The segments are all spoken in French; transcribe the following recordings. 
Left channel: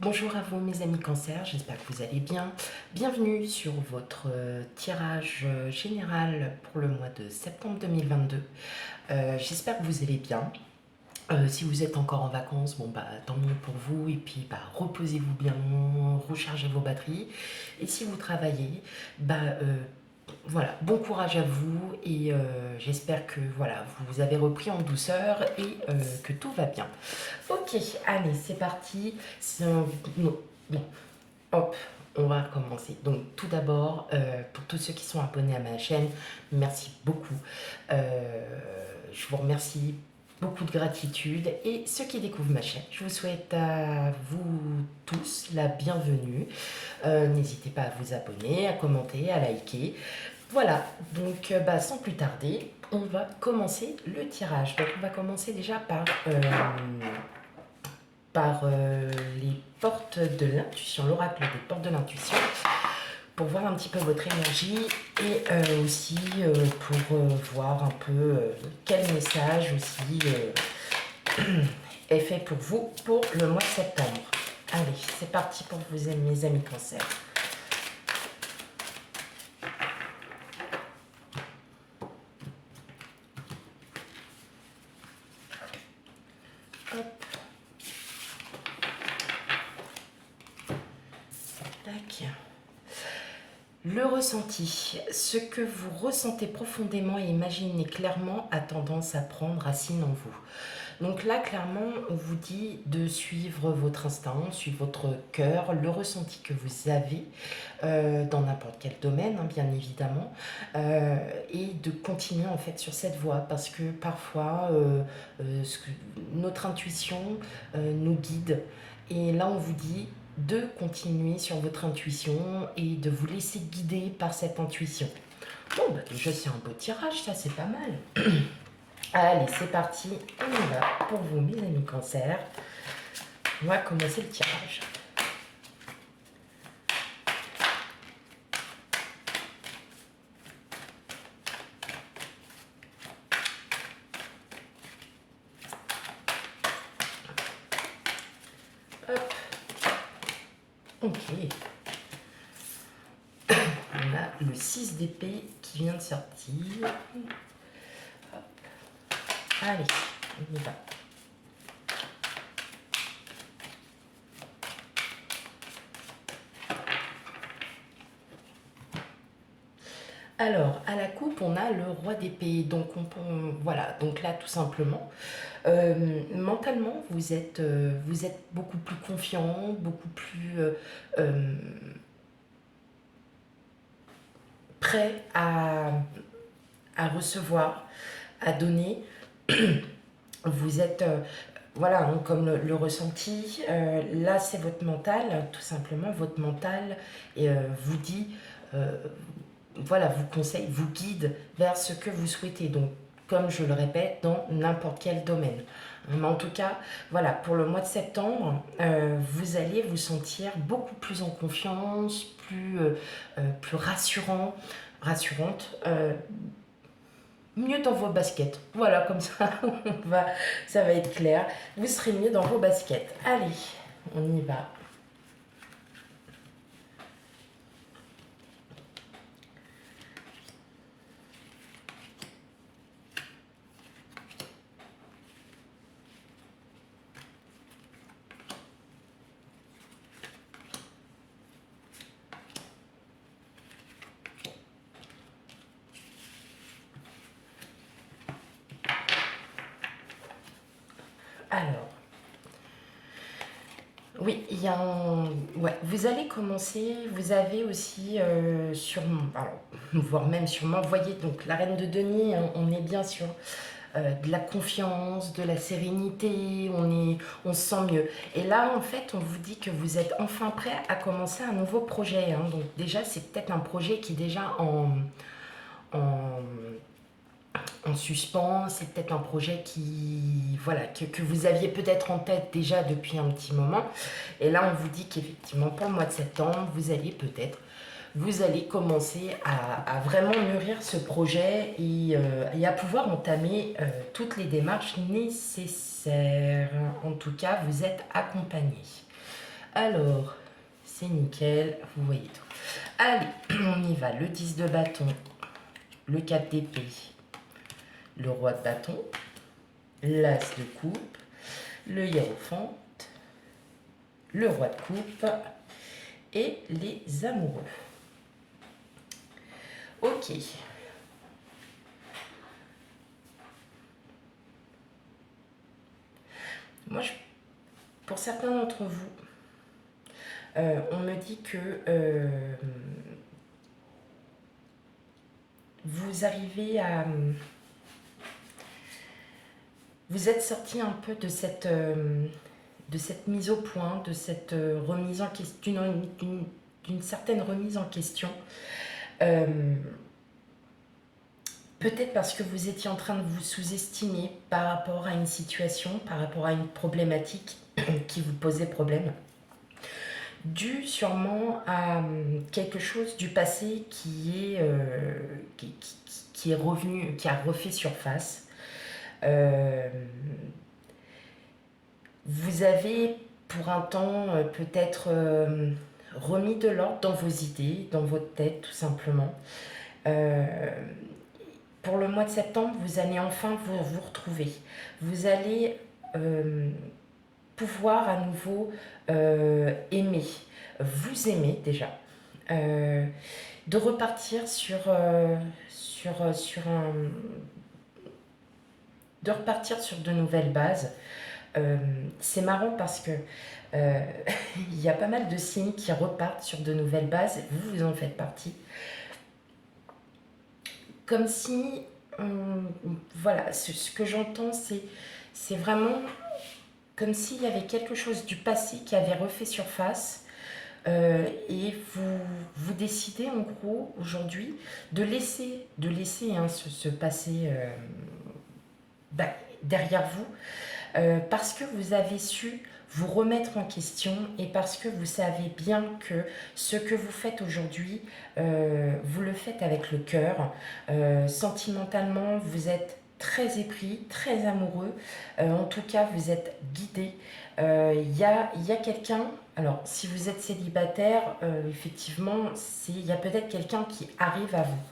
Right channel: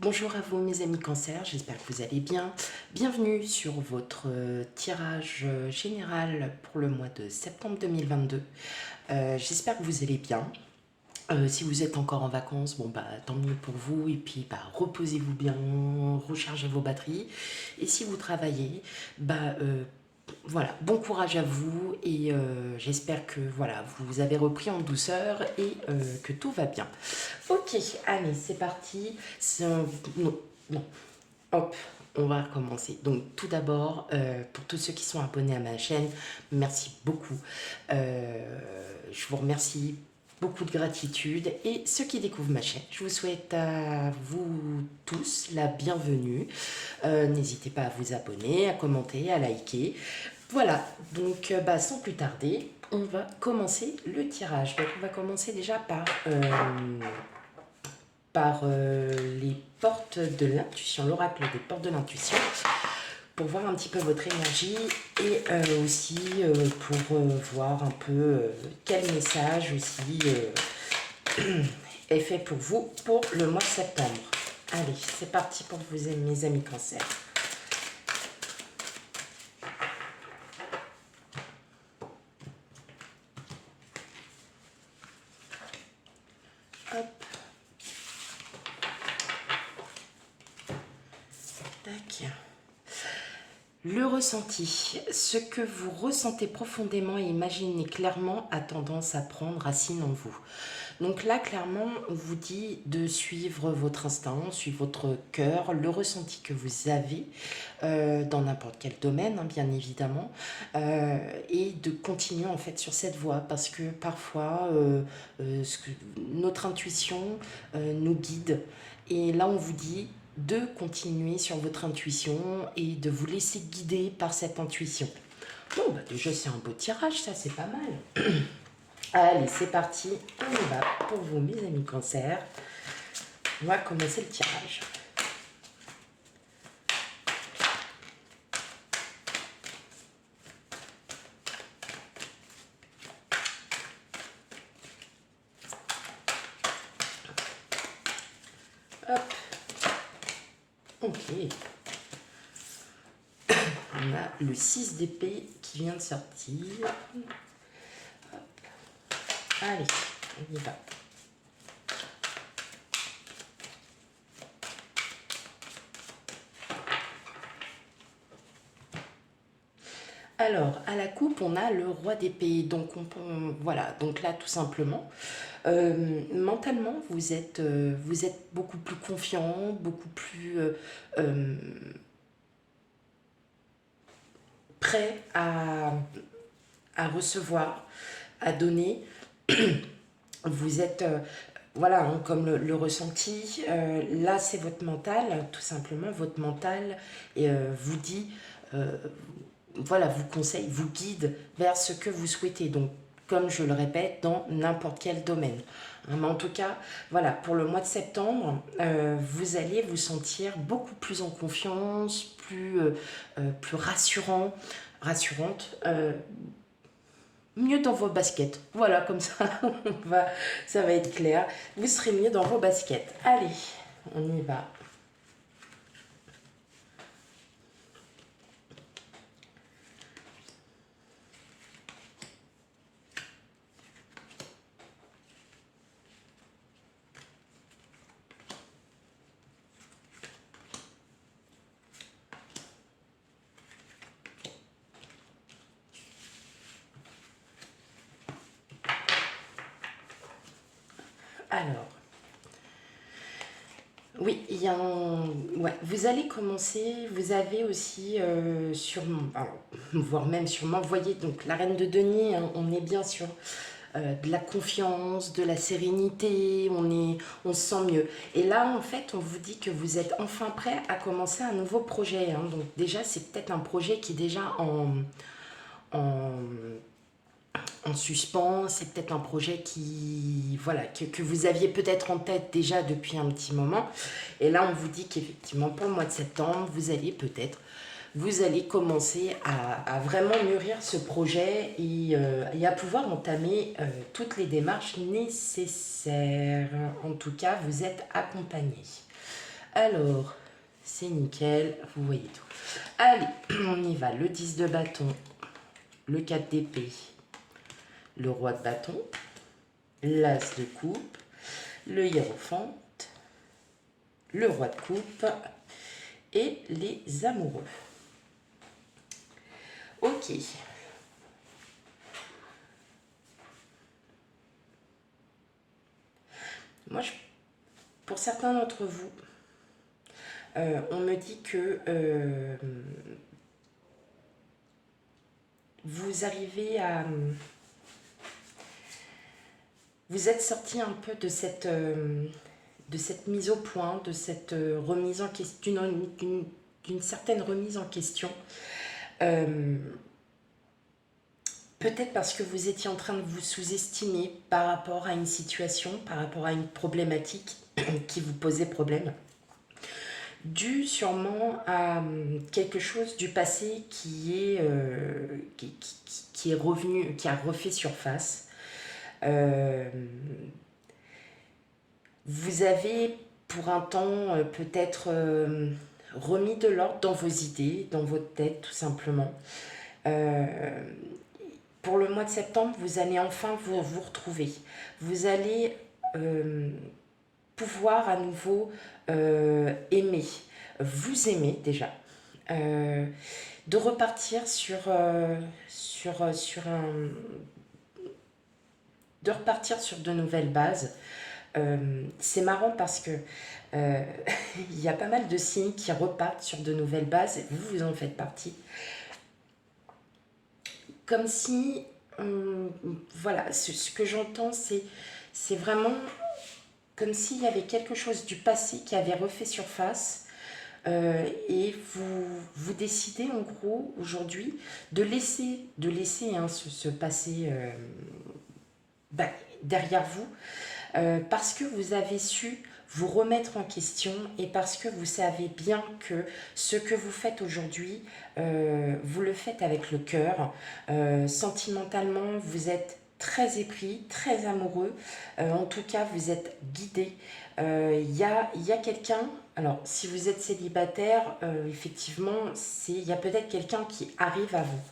Bonjour à vous mes amis cancer, j'espère que vous allez bien. Bienvenue sur votre tirage général pour le mois de septembre 2022. J'espère que vous allez bien. Si vous êtes encore en vacances, bon bah tant mieux pour vous et puis bah reposez-vous bien, rechargez vos batteries. Et si vous travaillez, bah voilà, bon courage à vous et j'espère que voilà, vous avez repris en douceur et que tout va bien. Ok, allez, c'est parti. Non, non, hop, on va recommencer. Donc tout d'abord, pour tous ceux qui sont abonnés à ma chaîne, merci beaucoup. Je vous remercie, beaucoup de gratitude. Et ceux qui découvrent ma chaîne, je vous souhaite à vous tous la bienvenue. N'hésitez pas à vous abonner, à commenter, à liker. Voilà, donc bah, sans plus tarder, on va commencer le tirage. Donc on va commencer déjà par les portes de l'intuition, l'oracle des portes de l'intuition, pour voir un petit peu votre énergie et aussi pour voir un peu quel message aussi est fait pour vous pour le mois de septembre. Allez, c'est parti pour vous, mes amis cancer. Hop. Tac. Le ressenti. Ce que vous ressentez profondément et imaginez clairement a tendance à prendre racine en vous. Donc là, clairement, on vous dit de suivre votre instinct, suivre votre cœur, le ressenti que vous avez dans n'importe quel domaine, hein, bien évidemment, et de continuer en fait sur cette voie parce que parfois, notre intuition nous guide. Et là, on vous dit de continuer sur votre intuition et de vous laisser guider par cette intuition. Bon, bah déjà, c'est un beau tirage, ça, c'est pas mal. Allez, c'est parti, on y va pour vous, mes amis cancer. On va commencer le tirage. Hop. Ok. On a le 6 d'épée qui vient de sortir. Hop. Allez, on y va. Alors, à la coupe, on a le roi d'épée. Donc, voilà. Donc là, tout simplement, mentalement, vous êtes beaucoup plus confiant, beaucoup plus euh, prêt à recevoir, à donner. Vous êtes, voilà, hein, comme le ressenti. Là, c'est votre mental, tout simplement. Votre mental vous dit, euh, voilà, vous conseille, vous guide vers ce que vous souhaitez. Donc, comme je le répète, dans n'importe quel domaine. Mais en tout cas, voilà, pour le mois de septembre, vous allez vous sentir beaucoup plus en confiance, plus rassurant, rassurante, mieux dans vos baskets. Voilà, comme ça, ça va être clair. Vous serez mieux dans vos baskets. Allez, on y va. Alors, oui, il y a un... ouais, vous allez commencer, vous avez aussi voire même sûrement, vous voyez, donc la reine de denier, hein, on est bien sûr de la confiance, de la sérénité, on se sent mieux. Et là, en fait, on vous dit que vous êtes enfin prêt à commencer un nouveau projet, hein. Donc déjà, c'est peut-être un projet qui est déjà en, en suspens, c'est peut-être un projet qui, voilà, que vous aviez peut-être en tête déjà depuis un petit moment. Et là, on vous dit qu'effectivement, pour le mois de septembre, vous allez commencer à vraiment mûrir ce projet et à pouvoir entamer toutes les démarches nécessaires. En tout cas, vous êtes accompagné. Alors, c'est nickel, vous voyez tout. Allez, on y va. Le 10 de bâton, le 4 d'épée, le roi de bâton, l'as de coupe, le hiérophante, le roi de coupe et les amoureux. Ok. Moi, pour certains d'entre vous, on me dit que vous arrivez à... Vous êtes sorti un peu de cette mise au point, de cette remise en question, d'une certaine remise en question. Peut-être parce que vous étiez en train de vous sous-estimer par rapport à une situation, par rapport à une problématique qui vous posait problème, dû sûrement à quelque chose du passé qui est revenu, qui a refait surface. Vous avez pour un temps peut-être remis de l'ordre dans vos idées, dans votre tête tout simplement. Pour le mois de septembre, vous allez enfin vous retrouver. Vous allez pouvoir à nouveau aimer, vous aimer déjà, de repartir de repartir sur de nouvelles bases. C'est marrant parce que il y a pas mal de signes qui repartent sur de nouvelles bases. Vous en faites partie. Comme si, voilà, ce que j'entends, c'est vraiment comme s'il y avait quelque chose du passé qui avait refait surface. Et vous décidez en gros aujourd'hui de laisser hein, ce passé bah, derrière vous parce que vous avez su vous remettre en question et parce que vous savez bien que ce que vous faites aujourd'hui, vous le faites avec le cœur. Sentimentalement, vous êtes très épris, très amoureux. En tout cas, vous êtes guidé. Il y a quelqu'un, alors si vous êtes célibataire, effectivement, il y a peut-être quelqu'un qui arrive à vous.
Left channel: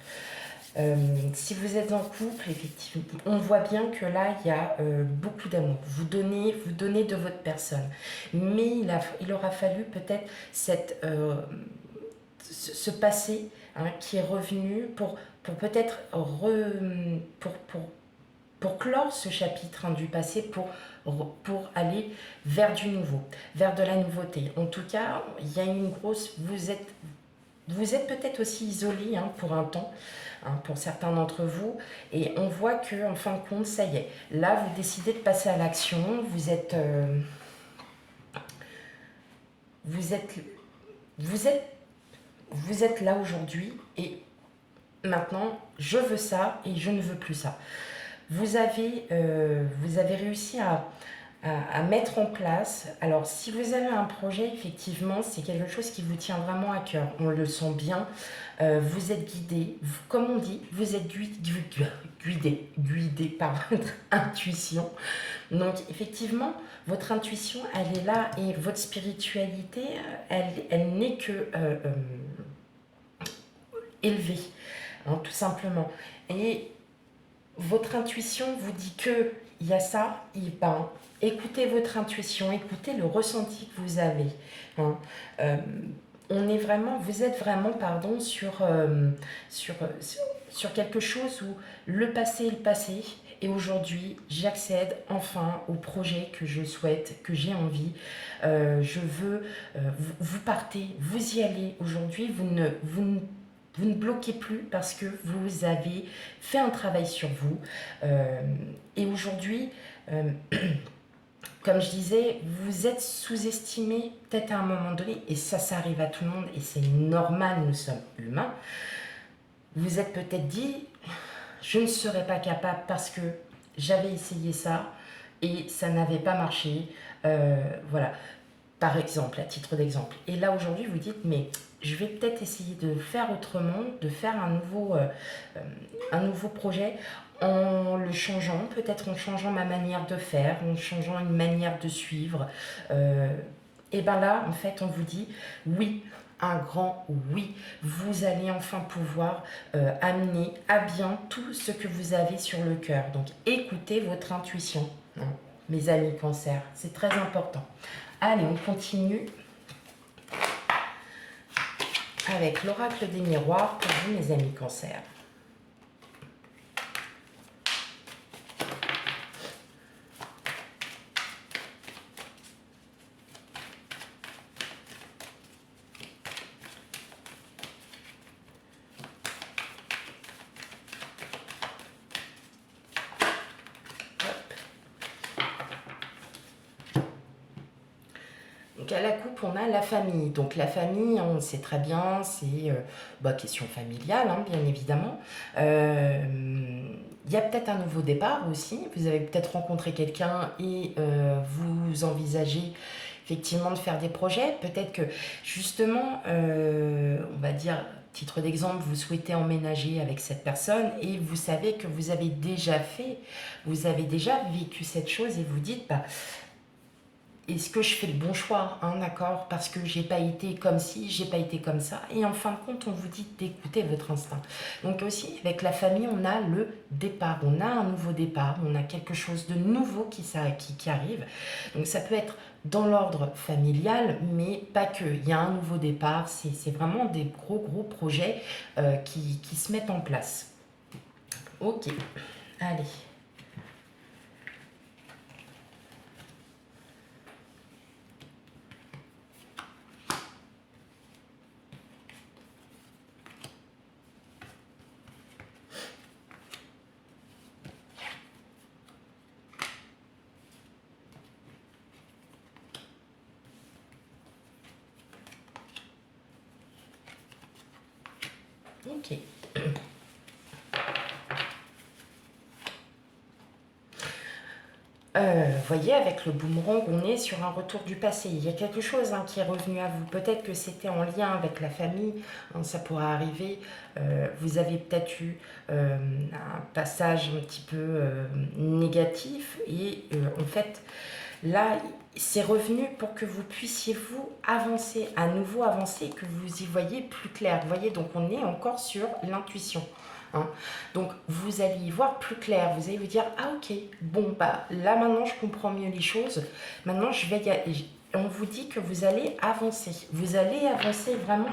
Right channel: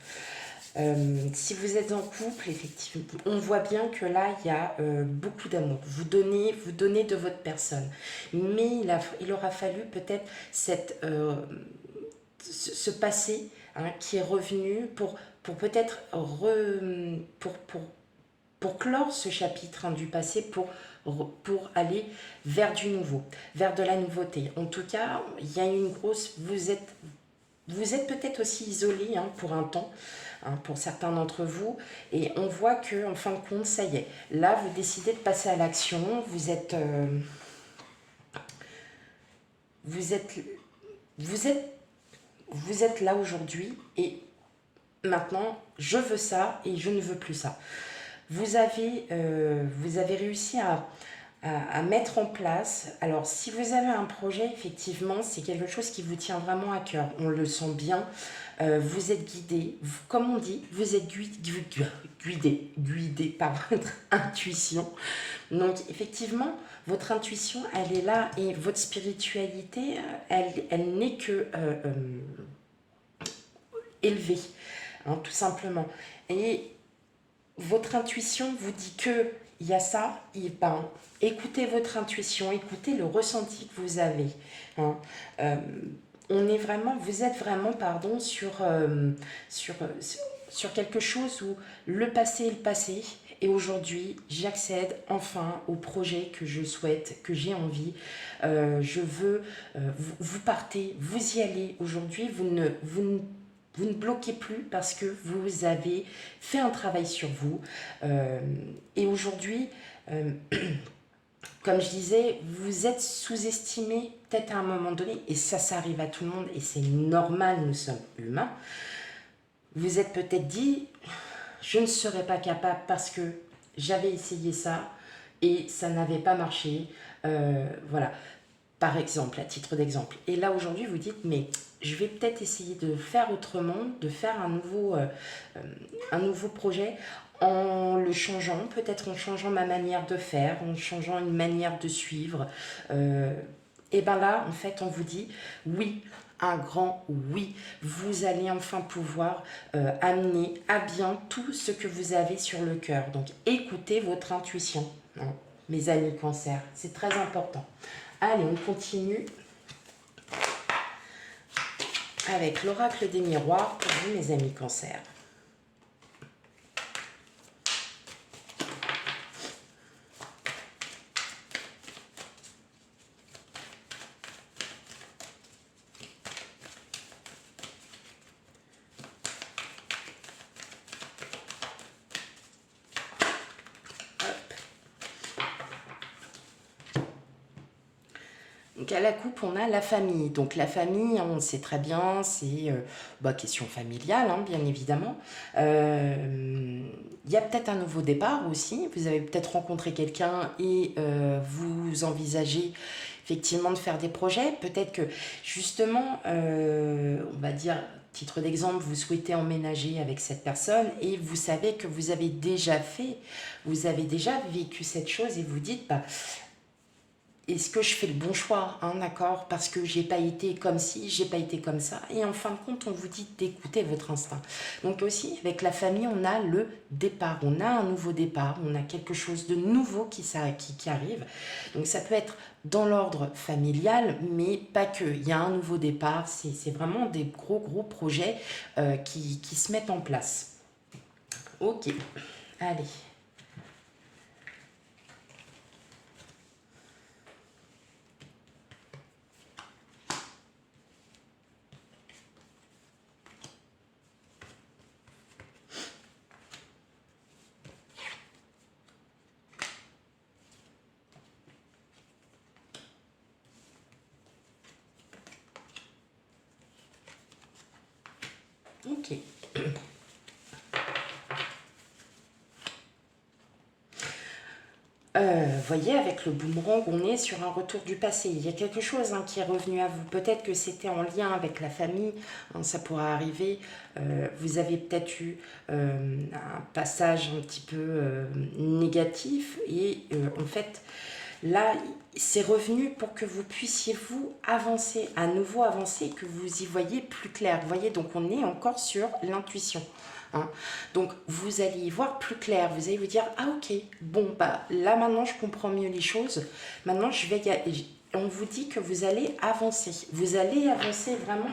Si vous êtes en couple, effectivement, on voit bien que là, il y a beaucoup d'amour. Vous donnez de votre personne. Mais il aura fallu peut-être ce passé hein, qui est revenu pour peut-être pour clore ce chapitre hein, du passé, pour aller vers du nouveau, vers de la nouveauté. En tout cas, il y a une grosse... Vous êtes peut-être aussi isolé hein, pour un temps, hein, pour certains d'entre vous, et on voit que en fin de compte, ça y est. Là, vous décidez de passer à l'action. Vous êtes, vous êtes, vous êtes là aujourd'hui, et maintenant, je veux ça et je ne veux plus ça. Vous avez réussi à mettre en place. Alors, si vous avez un projet, effectivement, c'est quelque chose qui vous tient vraiment à cœur. On le sent bien. Vous êtes guidé, comme on dit, vous êtes guidé par votre intuition. Donc, effectivement, votre intuition, elle est là et votre spiritualité, elle n'est que élevée, hein, tout simplement. Et votre intuition vous dit que il y a ça, et ben, écoutez votre intuition, écoutez le ressenti que vous avez. Hein. Euh, vous êtes vraiment, pardon, sur, sur quelque chose où le passé est le passé. Et aujourd'hui, j'accède enfin au projet que je souhaite, que j'ai envie. Je veux, vous partez, vous y allez. Aujourd'hui, vous ne bloquez plus parce que vous avez fait un travail sur vous. Et aujourd'hui, euh, comme je disais, vous êtes sous-estimé peut-être à un moment donné, et ça arrive à tout le monde, et c'est normal, nous sommes humains. Vous êtes peut-être dit, je ne serais pas capable parce que j'avais essayé ça et ça n'avait pas marché. Voilà, par exemple, à titre d'exemple. Et là, aujourd'hui, vous dites, mais je vais peut-être essayer de faire autrement, de faire un nouveau projet en le changeant, peut-être en changeant ma manière de faire, en changeant une manière de suivre. Euh, Et bien là, en fait, on vous dit oui, un grand oui. Vous allez enfin pouvoir amener à bien tout ce que vous avez sur le cœur. Donc écoutez votre intuition, hein, mes amis cancer, c'est très important. Allez, on continue avec l'oracle des miroirs pour vous, mes amis cancer. Donc à la coupe, on a la famille. Donc la famille, on sait très bien, c'est question familiale, hein, bien évidemment. Il y a peut-être un nouveau départ aussi. Vous avez peut-être rencontré quelqu'un et vous envisagez effectivement de faire des projets. Peut-être que justement, on va dire, titre d'exemple, vous souhaitez emménager avec cette personne et vous savez que vous avez déjà vécu cette chose et vous dites, bah, est-ce que je fais le bon choix, hein, d'accord? Parce que j'ai pas été comme ci, j'ai pas été comme ça. Et en fin de compte, on vous dit d'écouter votre instinct. Donc aussi, avec la famille, on a le départ. On a un nouveau départ. On a quelque chose de nouveau qui arrive. Donc ça peut être dans l'ordre familial, mais pas que. Il y a un nouveau départ. C'est vraiment des gros projets qui se mettent en place. Ok, allez. Ok. Voyez, avec le boomerang, on est sur un retour du passé. Il y a quelque chose, hein, qui est revenu à vous. Peut-être que c'était en lien avec la famille, hein, ça pourrait arriver. Vous avez peut-être eu un passage un petit peu négatif et en fait, là, c'est revenu pour que vous puissiez vous avancer, à nouveau avancer, que vous y voyez plus clair. Vous voyez, donc on est encore sur l'intuition. Hein. Donc vous allez y voir plus clair, vous allez vous dire, ah ok, bon bah là maintenant je comprends mieux les choses, maintenant je vais y aller. On vous dit que vous allez avancer vraiment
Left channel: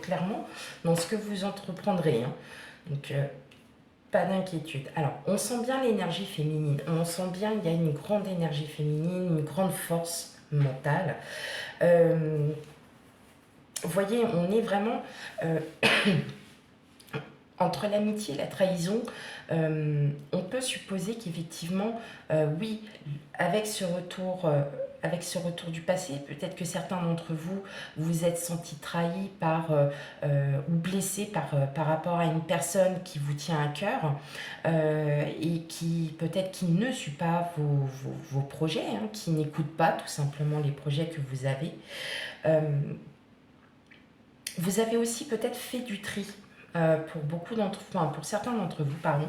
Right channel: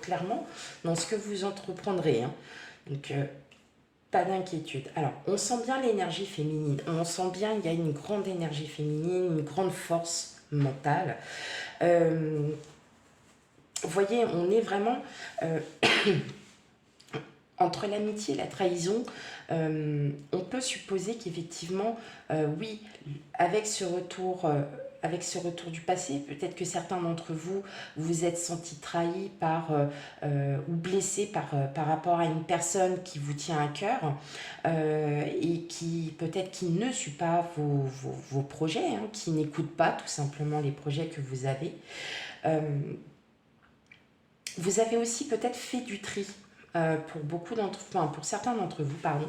clairement dans ce que vous entreprendrez. Hein. Donc pas d'inquiétude. Alors on sent bien l'énergie féminine, on sent bien il y a une grande énergie féminine, une grande force mentale. Vous voyez, on est vraiment entre l'amitié et la trahison, on peut supposer qu'effectivement, oui, avec ce retour, du passé, peut-être que certains d'entre vous vous êtes sentis trahis ou blessés par rapport à une personne qui vous tient à cœur et qui peut-être qui ne suit pas vos projets, hein, qui n'écoute pas tout simplement les projets que vous avez. Euh, Vous avez aussi peut-être fait du tri pour certains d'entre vous, pardon.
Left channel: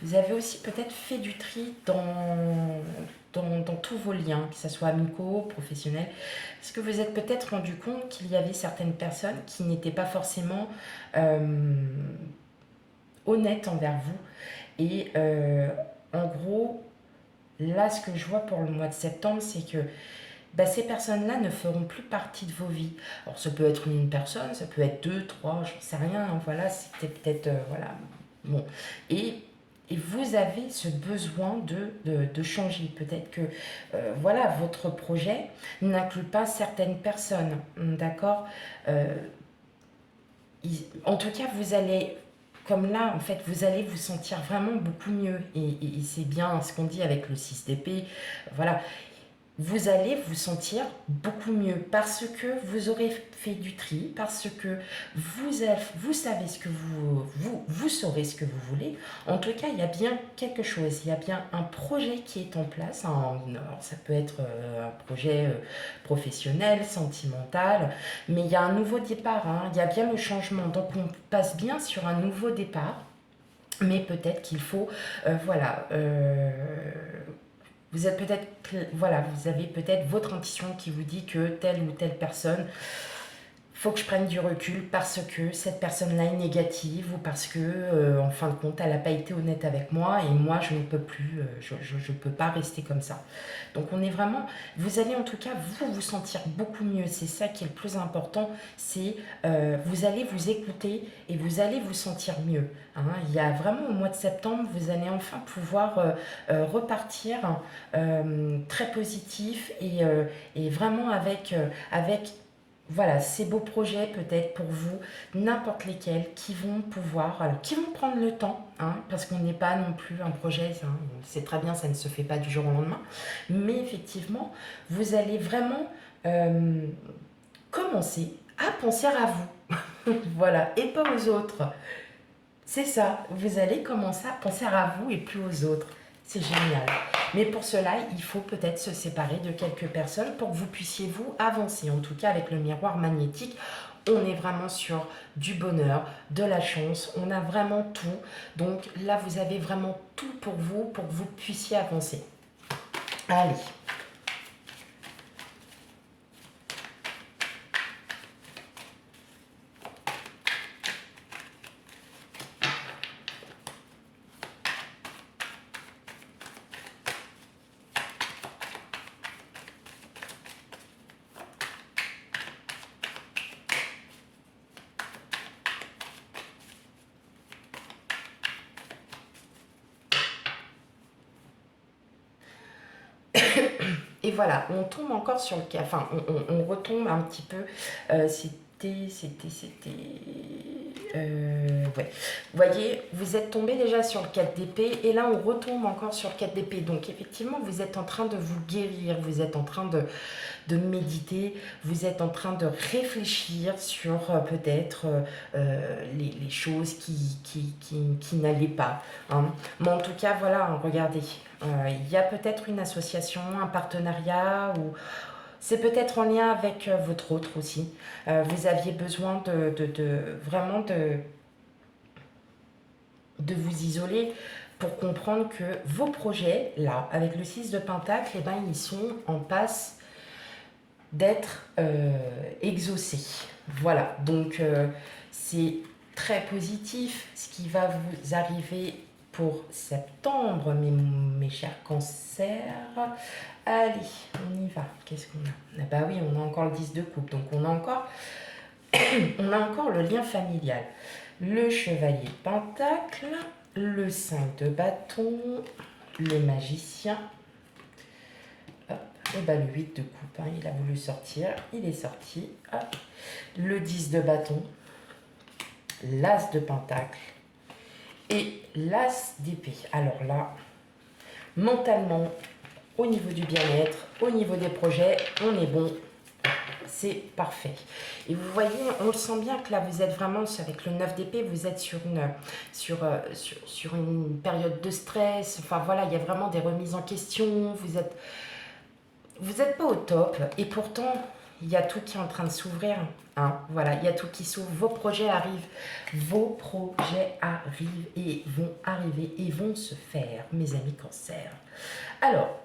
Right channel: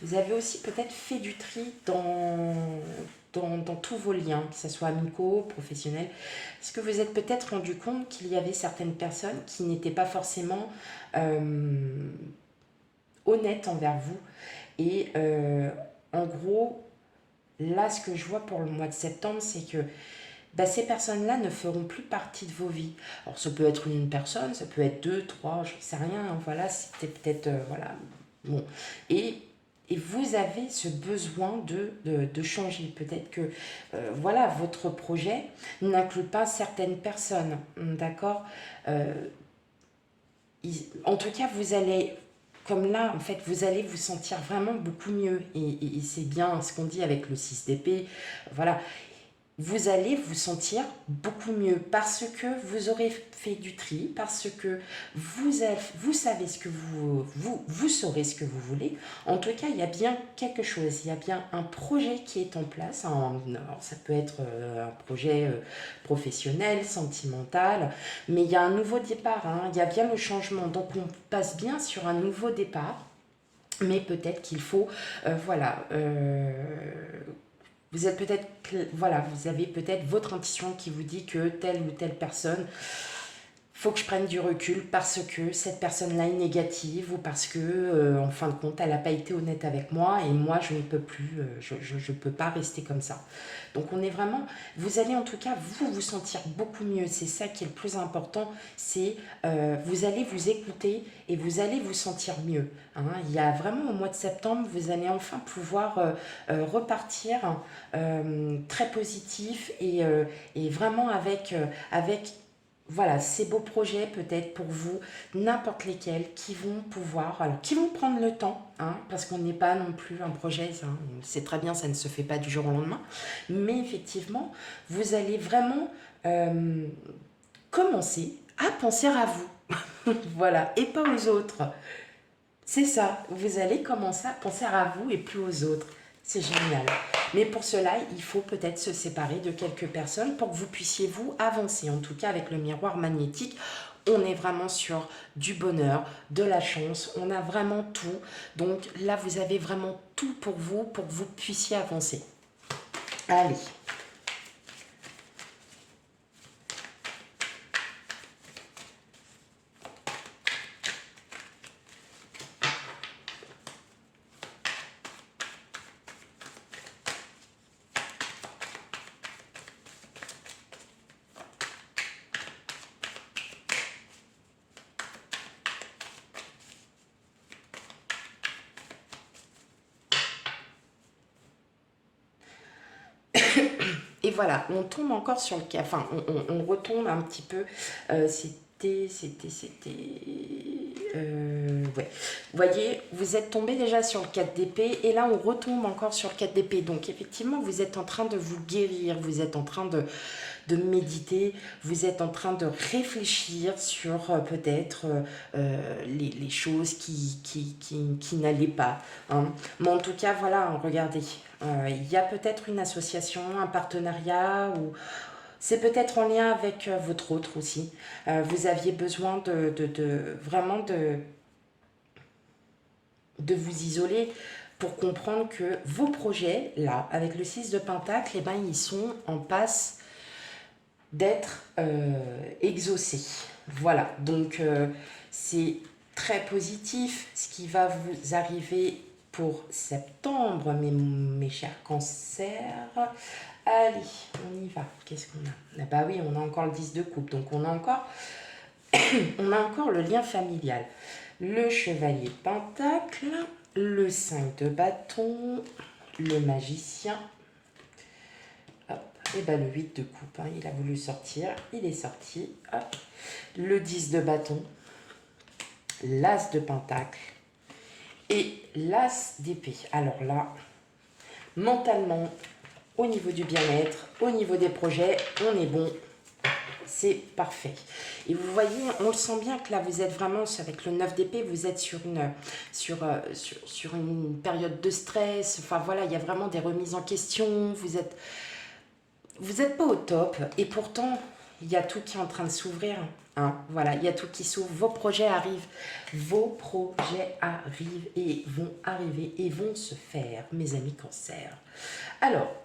Vous avez aussi peut-être fait du tri dans tous vos liens, que ce soit amicaux, professionnels. Est-ce que vous êtes peut-être rendu compte qu'il y avait certaines personnes qui n'étaient pas forcément honnêtes envers vous et en gros, là, ce que je vois pour le mois de septembre, c'est que bah, ces personnes-là ne feront plus partie de vos vies. Alors, ça peut être une personne, ça peut être deux, trois, je ne sais rien. Hein, voilà, c'était peut-être. Voilà. Bon. Et, et vous avez ce besoin de changer. Peut-être que voilà, votre projet n'inclut pas certaines personnes. D'accord. Euh, En tout cas, vous allez. Comme là, en fait, vous allez vous sentir vraiment beaucoup mieux. Et c'est bien ce qu'on dit avec le 6 d'épée. Voilà, vous allez vous sentir beaucoup mieux parce que vous aurez fait du tri, parce que vous savez ce que vous saurez ce que vous voulez. En tout cas, il y a bien quelque chose, il y a bien un projet qui est en place. Alors, ça peut être un projet professionnel, sentimental, mais il y a un nouveau départ, hein, il y a bien le changement. Donc, on passe bien sur un nouveau départ, mais peut-être qu'il faut, voilà Vous êtes peut-être, voilà, vous avez peut-être votre intuition qui vous dit que telle ou telle personne, faut que je prenne du recul parce que cette personne-là est négative ou parce que, en fin de compte, elle n'a pas été honnête avec moi et moi, je ne peux plus, je peux pas rester comme ça. Donc, on est vraiment, vous allez en tout cas, vous sentir beaucoup mieux. C'est ça qui est le plus important, c'est vous allez vous écouter et vous allez vous sentir mieux. Hein. Il y a vraiment au mois de septembre, vous allez enfin pouvoir repartir très positif et vraiment avec voilà, ces beaux projets peut-être pour vous, n'importe lesquels, qui vont pouvoir, alors qui vont prendre le temps, hein, parce qu'on n'est pas non plus un projet, hein, on sait très bien, ça ne se fait pas du jour au lendemain, mais effectivement, vous allez vraiment euh, commencer à penser à vous, voilà, et pas aux autres. C'est ça, vous allez commencer à penser à vous et plus aux autres. C'est génial. Mais pour cela, il faut peut-être se séparer de quelques personnes pour que vous puissiez vous avancer. En tout cas, avec le miroir magnétique, on est vraiment sur du bonheur, de la chance, on a vraiment tout. Donc là, vous avez vraiment tout pour que vous puissiez avancer. Allez. Et voilà, on tombe encore sur le cas, enfin, on retombe un petit peu. Ouais. Vous voyez, vous êtes tombé déjà sur le 4 d'épée et là on retombe encore sur le 4 d'épée. Donc effectivement, vous êtes en train de vous guérir, vous êtes en train de méditer, vous êtes en train de réfléchir sur peut-être les choses qui n'allaient pas. Hein. Mais en tout cas, voilà, regardez, il y a peut-être une association, un partenariat ou c'est peut-être en lien avec votre autre aussi. Vous aviez besoin vraiment de vous isoler pour comprendre que vos projets, là, avec le 6 de Pentacle, eh ben, ils sont en passe d'être exaucé. Voilà, donc c'est très positif ce qui va vous arriver pour septembre, mes chers cancers. Allez, on y va. Qu'est-ce qu'on a? Ah bah oui, on a encore le 10 de coupe, donc on a encore le lien familial. Le chevalier de pentacle, le 5 de bâton, le magicien, et ben le 8 de coupe, hein, il a voulu sortir, il est sorti. Hop. Le 10 de bâton, l'as de pentacle et l'as d'épée. Alors là, mentalement, au niveau du bien-être, au niveau des projets, on est bon. C'est parfait. Et vous voyez, on le sent bien que là, vous êtes vraiment, avec le 9 d'épée, vous êtes sur une période de stress. Enfin voilà, il y a vraiment des remises en question. Vous êtes pas au top et pourtant il y a tout qui est en train de s'ouvrir. Hein. Voilà, il y a tout qui s'ouvre. Vos projets arrivent. Vos projets arrivent et vont arriver et vont se faire, mes amis cancer. Alors,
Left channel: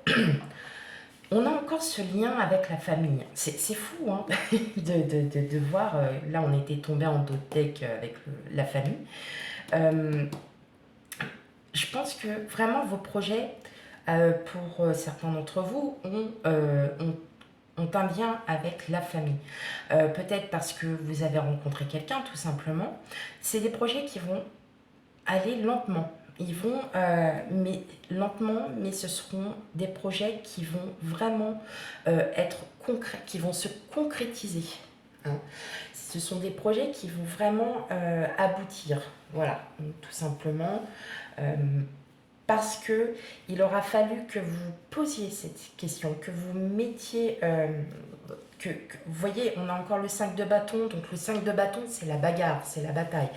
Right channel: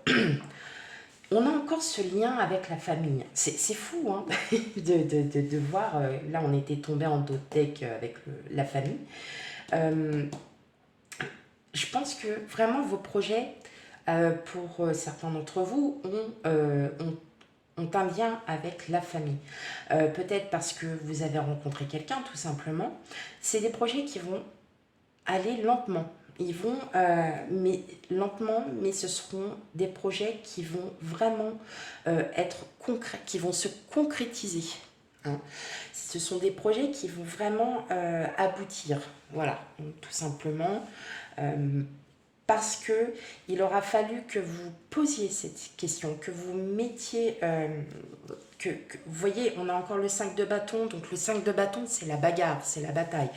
on a encore ce lien avec la famille. C'est fou hein, de voir. Là, on était tombé en dos de deck avec la famille. Euh, je pense que vraiment vos projets, pour certains d'entre vous, ont un lien avec la famille. Peut-être parce que vous avez rencontré quelqu'un, tout simplement. C'est des projets qui vont aller lentement. Ils vont, mais lentement, mais ce seront des projets qui vont vraiment être concrets, qui vont se concrétiser. Hein. Ce sont des projets qui vont vraiment aboutir. Voilà, tout simplement. Euh, Parce que il aura fallu que vous posiez cette question, que vous mettiez, vous voyez, on a encore le 5 de bâton, donc le 5 de bâton, c'est la bagarre, c'est la bataille.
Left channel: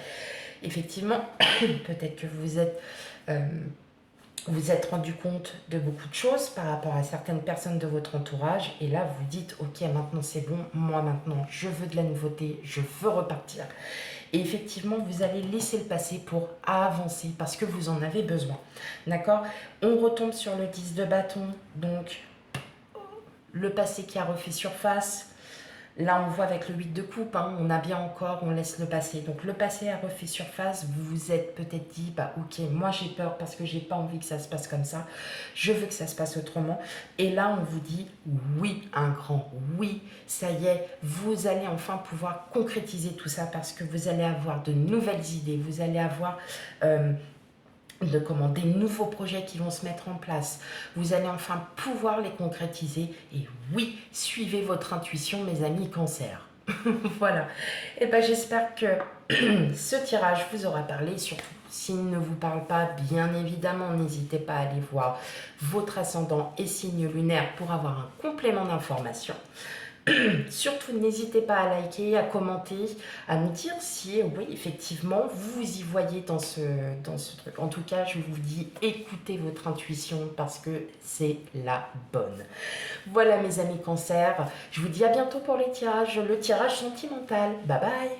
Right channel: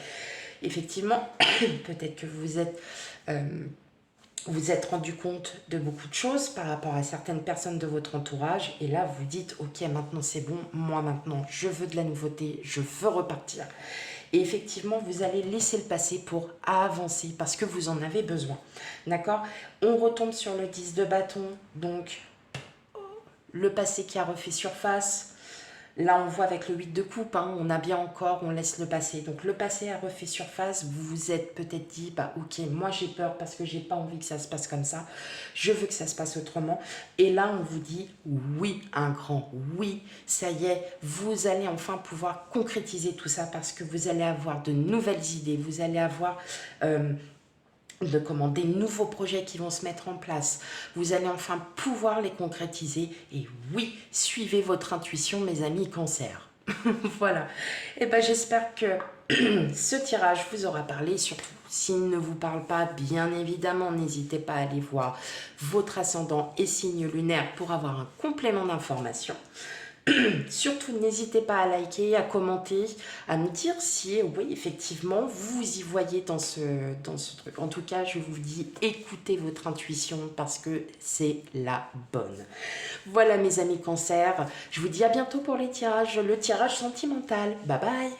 Effectivement, peut-être que vous êtes, euh, vous êtes rendu compte de beaucoup de choses par rapport à certaines personnes de votre entourage. Et là, vous dites, ok, maintenant c'est bon, moi maintenant, je veux de la nouveauté, je veux repartir. Et effectivement, vous allez laisser le passé pour avancer parce que vous en avez besoin. D'accord? On retombe sur le 10 de bâton, donc le passé qui a refait surface. Là, on voit avec le 8 de coupe, hein, on a bien encore, on laisse le passé. Donc le passé a refait surface, vous vous êtes peut-être dit, bah ok, moi j'ai peur parce que j'ai pas envie que ça se passe comme ça, je veux que ça se passe autrement. Et là, on vous dit oui, un grand oui, ça y est, vous allez enfin pouvoir concrétiser tout ça parce que vous allez avoir de nouvelles idées, vous allez avoir des nouveaux projets qui vont se mettre en place. Vous allez enfin pouvoir les concrétiser. Et oui, suivez votre intuition, mes amis cancer. Voilà. Et ben j'espère que ce tirage vous aura parlé. Surtout, s'il ne vous parle pas, bien évidemment, n'hésitez pas à aller voir votre ascendant et signe lunaire pour avoir un complément d'information. Surtout, n'hésitez pas à liker, à commenter, à nous dire si, oui, effectivement, vous y voyez dans ce truc. En tout cas, je vous dis, écoutez votre intuition parce que c'est la bonne. Voilà, mes amis cancer. Je vous dis à bientôt pour les tirages, le tirage sentimental. Bye bye.